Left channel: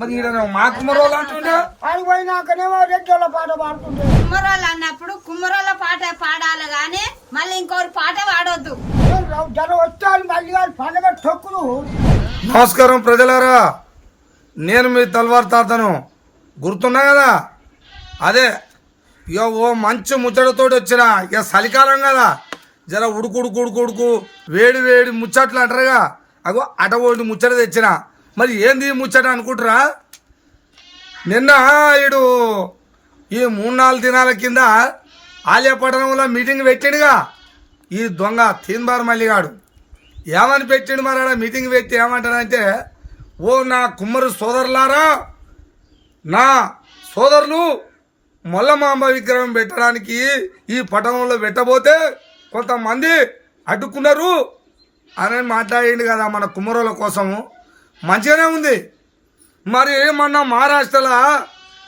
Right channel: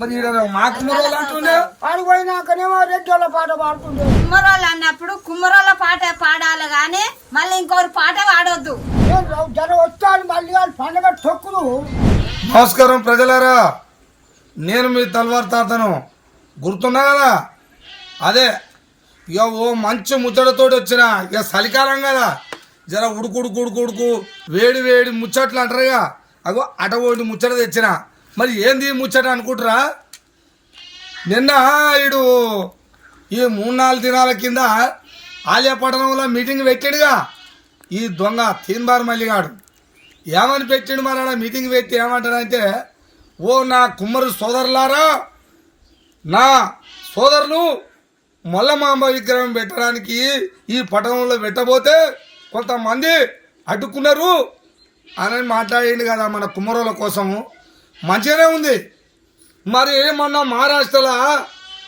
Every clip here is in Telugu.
మరి ఈడ మా అంటుండే? ఆడికి పోయినాకనేమో రెడ్డోళ్ళ పాట పాడుతుండే. కుమ్మరోళ్ళు అన్నప్పుడు కుమ్మరోళ్ళ పాట పాడాలి గాని మళ్ళీ ఇంకొకరు పాట పాడొద్దు. జనం వస్తాను మళ్ళీ వాళ్ళు పండగ తొక్కుదు. నమస్కారం ప్రజలారా. నేను మీ తల్వార్ తాతను. గుర్తున్నా కదా? అదే ఇక ఓ మంచి ముచ్చటతోటి వచ్చిన ఇక చలికాలం కదా. జర ఉడుకు ఉడుకు ఉడుకు ఉడుకు వేడి వేడి ముచ్చట్లు అంటారుగా. అగో అట ఒకటి ముచ్చట తెచ్చిన. మరి ఏంది ముచ్చట అనుకుంటారా? నిన్న ఈడు ఈ మూడు నాలుగు దినాల కింద ఆలయపట్టణంలో మీటింగ్ పెట్టాడుగా. ఈ దొంగ తీన్బార్ మల్లిగాడు. ఏమని పెట్టిండు మరి ఆడ మీటింగ్ పెట్టి ఏమంటాడంటే ఓ నా కుమ్మరు సోదరులారా నా సోదరులు మొల్లమాంబ విగ్రహం పెట్టడానికి ఈ పట్టణంలో పెట్టబోతే కొంతమంది అడ్డుకున్నారు అని మాట్లాడిండు కదా మన కుమ్మరుల కోసము మంచిగానే ఉంది. మరి మొన్న మహారాష్ట్రలో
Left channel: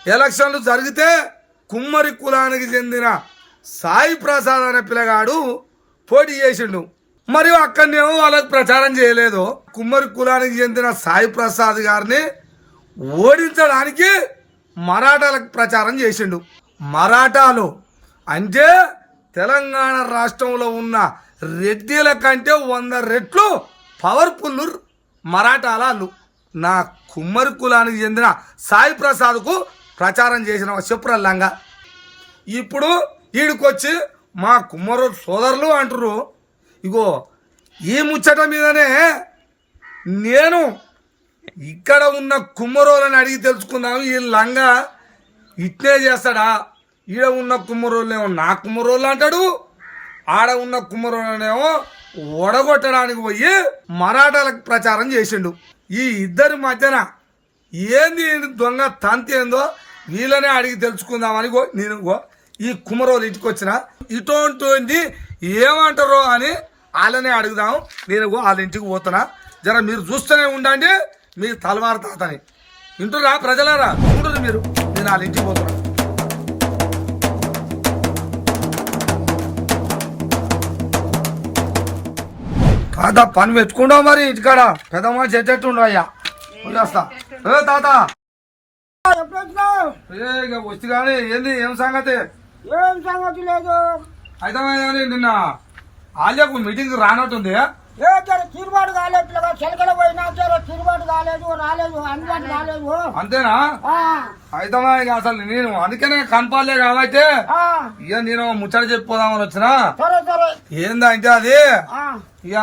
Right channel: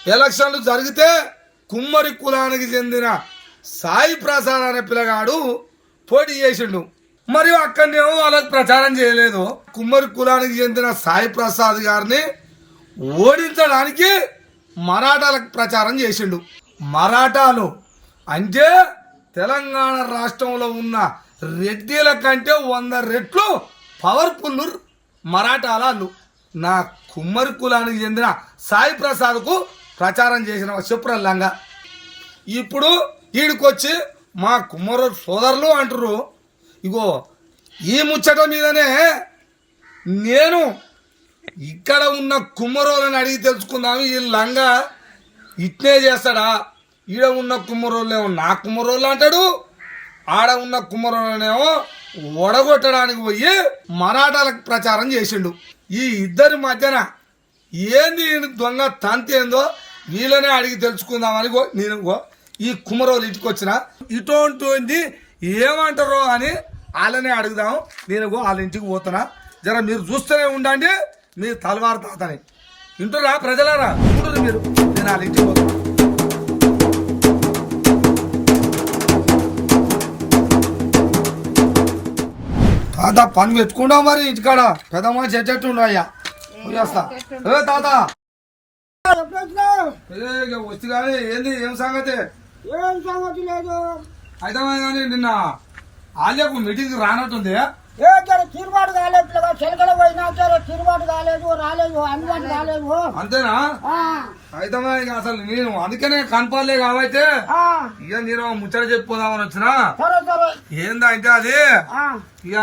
ఎలక్షన్లు జరిగితే కుమ్మరి కులానికి చెందిన సాయి ప్రసాద్ అనే పిల్లగాడు పోటీ చేసిండు. మరియు అక్కడనేమో వాళ్ళకి ప్రచారం చేయలేదు. కుమ్మరి కులానికి చెందిన సాయి ప్రసాద్ గారిని ఓడించడానికి మరాఠాలకు ప్రచారం చేసిండు. మరాఠాలు అంటే తెలంగాణ రాష్ట్రంలో ఉన్న రెడ్డిల కంటే వంద రెట్లు పవర్ఫుల్ మరాఠాలు నా కుమ్మరి కులానికి చెందిన సాయి ప్రసాద్కు ప్రచారం చేసిన చెప్పురల్లంగా ఇప్పుడు ఈడికొచ్చి మా కుమ్మరు సోదరులు అంటారు ఇగో ఈ ముచ్చట మీదనే నేను ఇక్కడ ఉన్న కుమ్మరోళ్ళని అడిగి తెలుసుకుందాము. ఈ లంగా ఇట్నే చేస్తాడా? ఈడ ఉన్న కుమ్మరోళ్ళేమో నా కుమ్మరోళ్ళు అంటాడు ఆడ ఉన్న కుమ్మరోళ్ళనేమో ఒడగొట్టడానికి పోయి మరాఠాలకు ప్రచారం చేసిండు. ఈ ఇద్దరి మధ్యన ఏంది దొంగ తంతి ఏందో వీళ్ళనే అడిగి తెలుసుకుందామని గో నేను గో ఈ కుమరోలు ఇంటికి వచ్చిన. ఇటువంటి ఏమంటారో అని వాళ్ళనే అడుగుదాం నేను వాళ్ళ ఇంటికి పోతున్నా. జర మీరు చూస్తూనే ఉండండి. మీ తలవారు తాతని. వింటురా ప్రజలారా? చూడరు మీరు. నేను వాళ్ళ ఇంటికి పోతున్నా. తాత పని పెట్టుకుంటావు మరి ఇంటికాడ? పెద్ద మనిషి ఎట్టెట్టుండవు అయ్యా ఏ తాత? వచ్చి కానీ ఏంది ఏం సంగతి? ఏం సంగతి లేదు. అయితే నిన్న ఆలియాకు మీటింగ్ రానట్టుంది. ఏ జర తిరుబాటు కాలేదు పిల్లగా. చెలకల పోయినా జర తిరుబాటు కాలేదు రాలేదు అందుబాటు కాలేదు. అంతేనా? ఆ, అయితే ఇక అసలు నేను అందుకనే కనపాలే కాబట్టి ఆ, ఇక నేను ముచ్చట చెప్పిపోదామని వచ్చిన. సరే సరే. ఏందంటే అది? ఆ, ఇక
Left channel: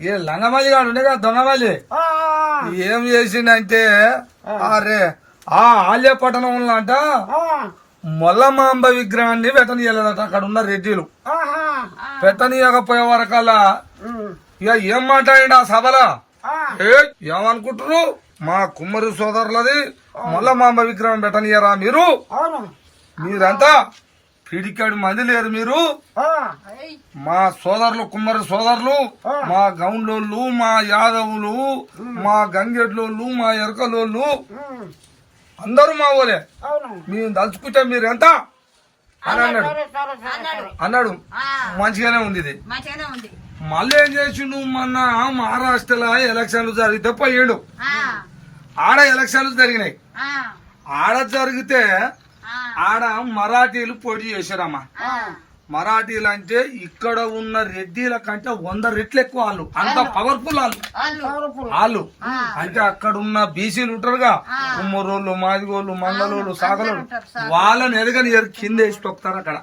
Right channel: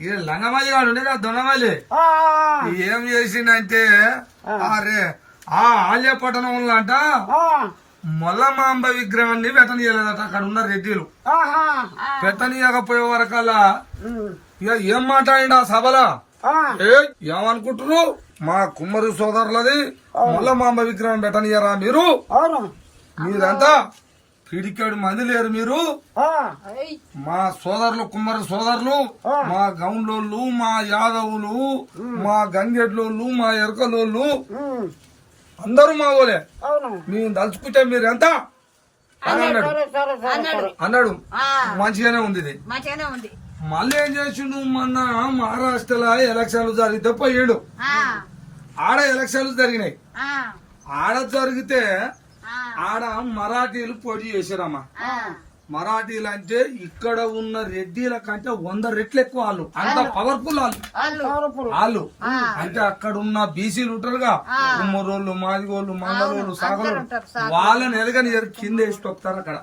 ఈ లంగమల్లి గారు ఉండే కదా దొంగమల్లి ఆ, ఏం చేసిండంటే అరే ఆ ఆల్య పట్టణంలో అంట మొల్లమాంబ విగ్రహాన్ని పెట్టనీయలేదట అక్కడ ఉన్న రెడ్డిలు. ఆహా, పెట్టనీయకపోయే వరకల్లా ఇక ఏం మాట్లాడండి ఆ సభలో? ఏమనుకుంటున్నారు మా కుమ్మరి సోదరులది మొల్లమాంబ విగ్రహం పెట్టనీయరా మీరు? మీరంతా పిడికాడు మంది లేరు మీరు. ఆ, మా సోదరులు కుమ్మరి సోదరులు మా గౌండ్లోళ్ళు మా యాదవులు మా గంగెడ్లోళ్ళు మా ఎరకలోళ్ళు అందరూ మా ఓలే అవును. మేము దలుచుకుంటే మీరు ఎంత? అని అన్నాడు. అన్నాడు. మంచిగానే ఉంది ఇది. మళ్ళీ ఏం చేసిండు? మొన్న మహారాష్ట్రలో ఎలక్షన్లు జరిగితే పోయిండు. ఆడ ఎలక్షన్లు జరిగినాయి. ఆ, ఆడ జరిగితే ఆ, ఆడ మరాఠీలు పోటీ చేశారమ్మా. ఆ. మరాఠీలు అంటే ఇక్కడ ఉన్న రెడ్డిల కంటే వంద రెట్లు ఎక్కువ వాళ్ళు. అంత పవర్ఫుల్ వాళ్ళు. వాళ్ళు. అంటే అక్కడ ఉన్న బీసీలు ఉంటారుగా. కుమ్మరోళ్ళు మాదిగోళ్ళు మంగళోళ్ళు సాగలోళ్ళు. వాళ్ళని ఎదగని కింద వేసి తొక్కుతారు అక్కడ.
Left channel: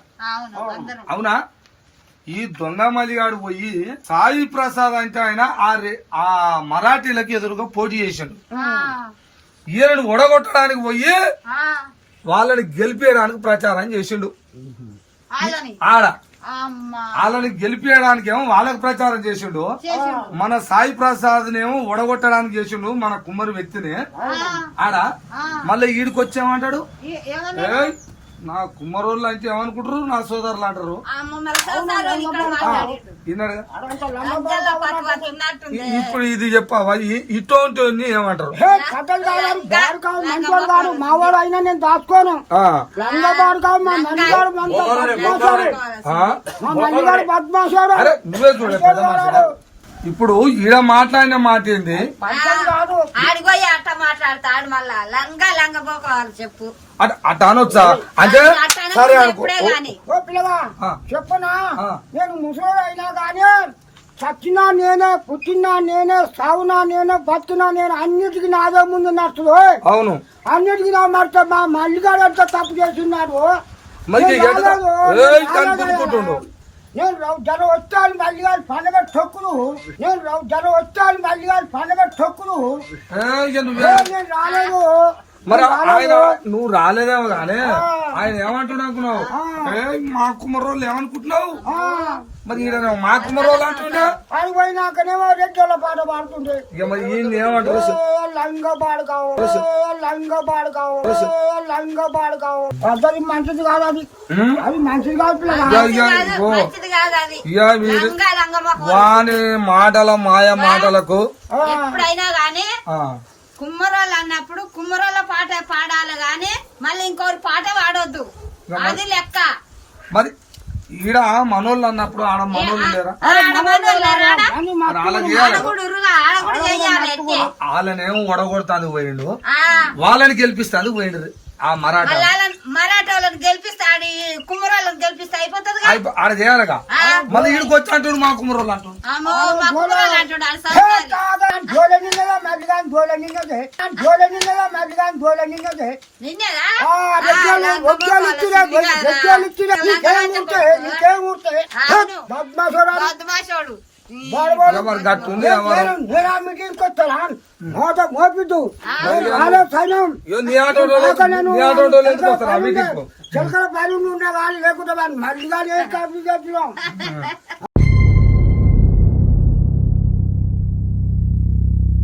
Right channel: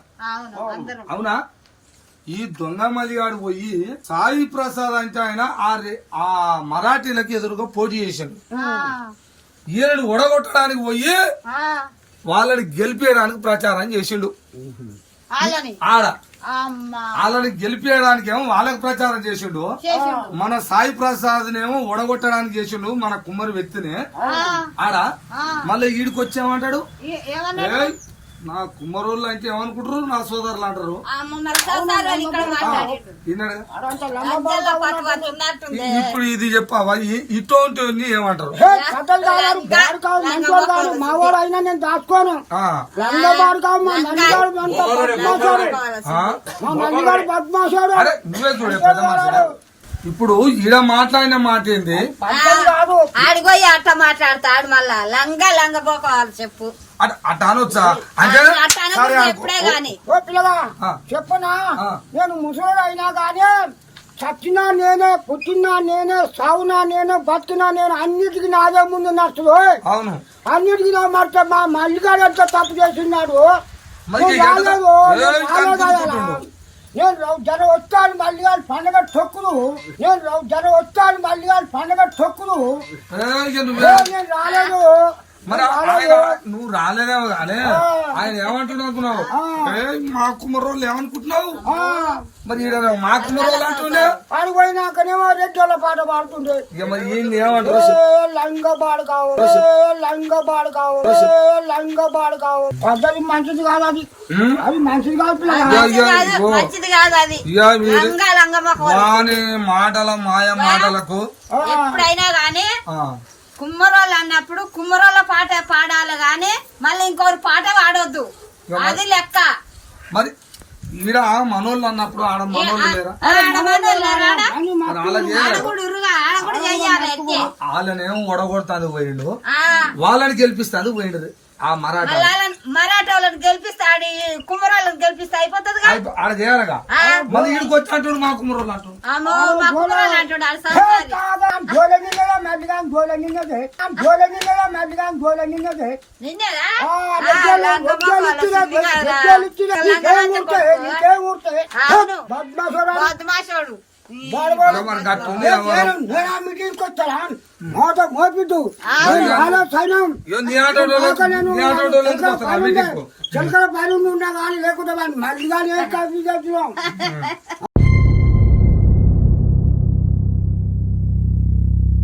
అవునా? ఈ దొంగ మలిగాడు పోయి సాయి ప్రసాద్ అంటే ఆయన ఆ మరాఠీలకి ఎదురుగా పోటీ చేశాడు ఈయనను ఒడగొట్టడానికి పోయి వాళ్ళని గెలిపేయడానికి ప్రచారం చేసిండు. ఆడ. వాళ్ళని గెలిపేయడానికి ఏమో వాళ్ళకి ప్రచారం చేసిండు. మన సాయి ప్రసాద్ నేమో ఒడగొట్టడానికి చేసిండు మన కుమ్మరి వ్యక్తిని. ఆడ. మళ్ళీ ఈడికి నా కుమ్మరోళ్ళు అంటే ఏమనుకుంటారు? నా సోదరులు అంటారు. ఇప్పుడు ఇది చెప్పావా? ఇటువంటి ఏమంటారు? హే, కథలు కాదు బారు కాదు మంచోడు కాదు మా వాడు అయినా నేను దాచుకోను. నువ్వే చూడే. ఇప్పుడు ఈడ మాట్లాడిన మాట ఏంది? ఆడిపోయి అట్ట మాట్లాడతాడు మళ్ళా లంగా లంగ పోకోవాలి చెప్పు. అట అట అనొచ్చా? అంటే అట్ట. ఎప్పుడే గాని. ఓ పిల్లగా ఆ. చెప్పనా. నేను ముసలోడు అయినా కానీ చచ్చినా నేనే పుట్టినా నేనే సావునా నేనే బతికినా నేను అన్నిటికీ నాదే ముందు నడుచుడు. అవును. అన్నిటికీ నా మాట మా మల్లిగాడు ఎంత తప్పు చేస్తున్నాడు? నేను ఇక ఎంత- రాలేదు, నేను ఏయ్ రాలేదు కనిపించుకుంటుండు. అయ్యా. నేను రౌ- జర వస్తాను మల్లిగాడు పండగ తొక్కుడు నేను రౌ- జర వస్తాను పండగ ఏ, ఇక నువ్వు- ఏ, నేను రాలేదు మరి ఆయన రాలేదు. నువ్వు కానీ ఆ. ఆయన ఏమంటున్నావు. ఏ, మా కుమ్మరోళ్ళు ఏమనుకుంటున్నావు? ఆ, మరి ఈడ మా కుమ్మరోళ్ళు అంటుండే. ఆడికి పోయినాకనేమో రెడ్డోళ్ళ పాట పాడుతుండే. ఇక మరి ఈయన ఏమంటారు? చెప్పు. లంగ బాడు కావు. లంగ బాడు కావు. లంగ బాడు కావు. పద్ధతి మంచిది కాదు అది? అది మంచిది కాదు అది. వాని మాటల మాయ మాటలకు ఎప్పుడైనా గానీ ఆ, కుమ్మరోళ్ళు అన్నప్పుడు కుమ్మరోళ్ళ పాట పాడాలి గాని మళ్ళీ ఇంకోరు పాట పాడొద్దు. అది లెక్క. మరి ఈడ మనోళ్ళు అన్నప్పుడు ఆడ మనోళ్ళు లేరా. వాళ్ళనేమో ఒడగొడతాను పోయిండు. ఆ, వాళ్ళని గెలిపిస్తాను పోయిండు. ఆ మరాఠా మళ్ళా వాళ్ళని- గెలిపిస్తాడు ఈ కుమ్మరోళ్ళని గెలిపిస్తే అయిపోతుంది ఆడ చేయాలిగా మళ్ళీ ఈడికి వచ్చి అంటాడు మా కుమ్మరోళ్ళు అంటాడు? జోలె నిన్నదా. మల్లిగాని జోలె నిన్నదే. జోలె నిన్నదా మల్లిగాని జోలె నిన్నదే నిన్నేనా ఆ, ఆ, రెడ్డోళ్ళు- లంగ రెడ్డోళ్ళు మొక్కలు ఇచ్చినా, వచ్చింది కదా. రెడ్డోళ్ళు ఇచ్చినా, లంగా నీకేం లంగా ఊరుతాయి? మొక్కలు. నీకేం ఊరుతాయి? అవును. బద్మాషోడా? బద్మాషోడు. ఈ బాడు బాడు. మరి గట్టుంది నేను- నేను- నేను ఆ మీటింగ్కి వచ్చానా? మోత మోపిద్దు నేను రాలే సైన్యం ఇగో నీ ఆటోలో నాకు నేను నీ ఆటోలో ఎందుకు వస్తారు? ఆ మీటింగ్కు? చిలకల పని ఉండే కానీ లేకుండా వాడిని మళ్ళీ కానీ ఏం కలిపి చేస్తున్నాం